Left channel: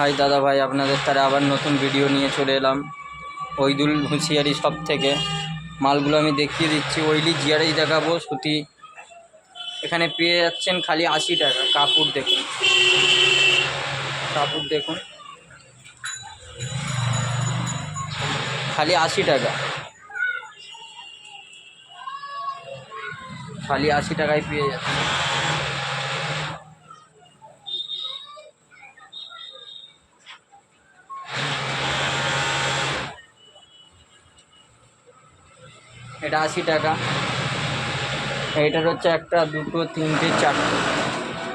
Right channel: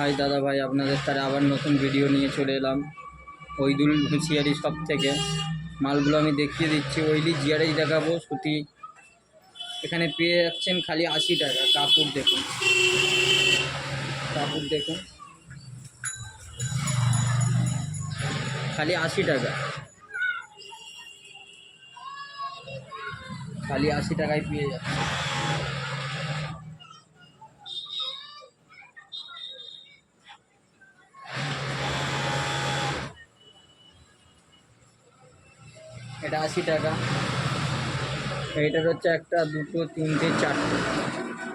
High দাদা ভাই, আপনাদের তারা আবার নতুন ভিডিও নিয়ে চলে এলাম ওইদুল হুঁশিয়ারি সব থেকে। মালগুলো আমি দেখিয়ে দিচ্ছি। ওইলি জিয়ারেই দেখাবো। সুতি এখানে পেয়ে যাচ্ছেন খালি 80 টাকা। কাপড় দেখুন, কাপড় দেখুন, খালি 80 টাকা, খালি 80 টাকায় পেয়ে যাচ্ছে। এটা 80 টাকা। এইটার হচ্ছে একটা, দুটো, তিনটে, চারটে।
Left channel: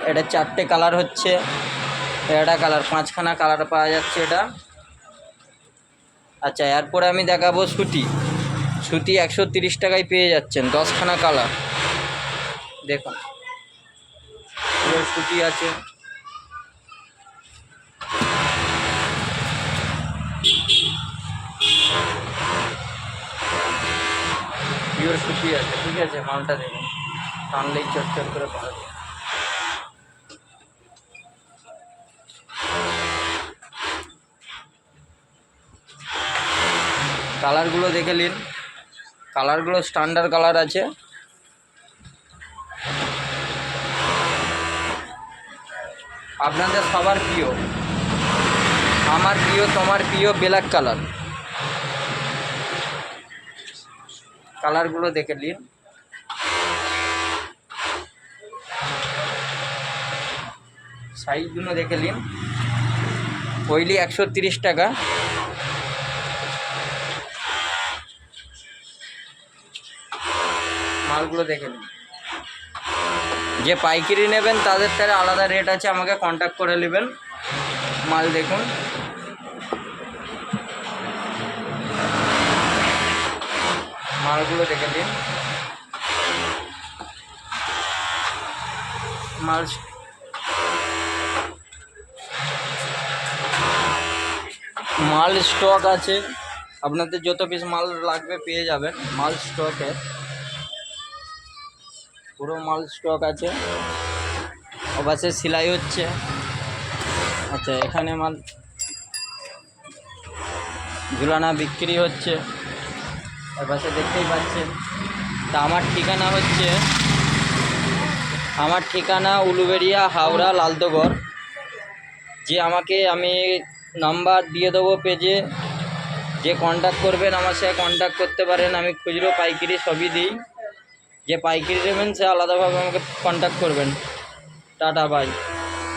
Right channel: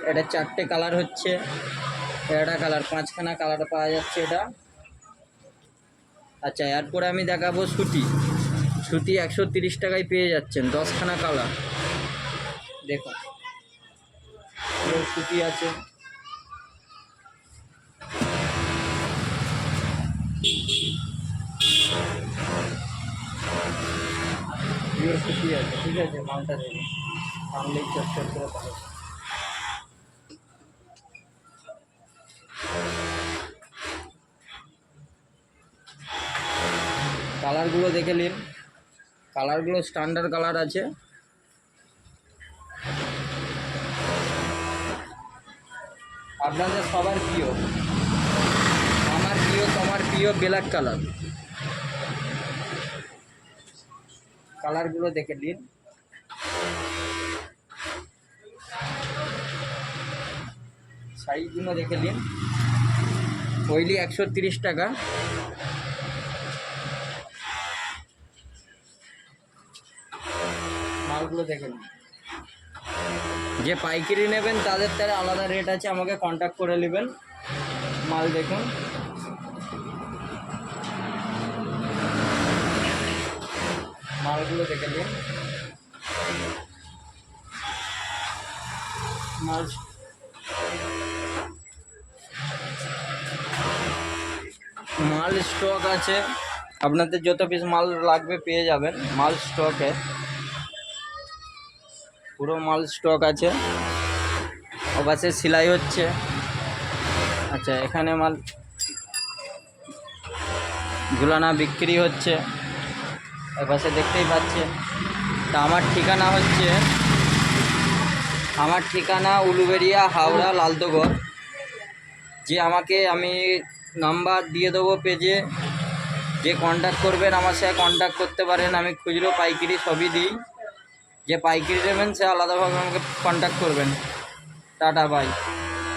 এটা চারটে কালার হচ্ছে। এটা কালার, 5খানা কালার পাওয়া যাচ্ছে এটা। আচ্ছা, এরপরে আমি দেখাবো সুতি। সুতি 130 টাকায় পেয়ে যাচ্ছেন, 10খানা কালার। দেখুন, সুতি আছে। পিওর সুতি আছে, ঠিক আছে। মালটা দেখুন, টানলেই চটচট করে পাওয়া যায়। কালারগুলো দেখে নিন, কালারগুলো স্ট্যান্ডার্ড কালার আছে। আপনাদের সবার প্রিয়, আমার প্রিয়, তোমার প্রিয় ব্ল্যাক কালার। কালারগুলো দেখে নিন। সাইজগুলো দেখে নিন। ওইলি 130 টাকা। মালগুলো দেখে নিন। যে পাইকারি নেবেন তাদের তারা আলাদা রেট আছে, আমাকে কন্ট্যাক্ট করে নেবেন। মাল দেখুন, মালগুলো দেখে নিন। মাল স্টক আছে, আপনাদের যত পিস মাল লাগবে পেয়ে যাবেন। মাল স্টকে, পুরো মাল স্টক আছে। ওপাশে সেলাই হচ্ছে। আচ্ছা, এখানে মাল ঝুলানা বিক্রি হচ্ছে, ওপাশে দেখতেই পাচ্ছেন। তা আমার ঠিকানা উলুবেড়িয়া, হাওড়া, লালদগড়। যে আমি নাম্বার দিয়ে দেবো পেজে, যে কন্ট্যাক্ট করবেন আমার সাথে কন্ট্যাক্ট করতে পারেন। আমি খুচরো পাইকারি সবই দিই। যে পাইকারি নেবেন সে আলাদাভাবে আমাকে কন্ট্যাক্ট করবেন। Tata, by.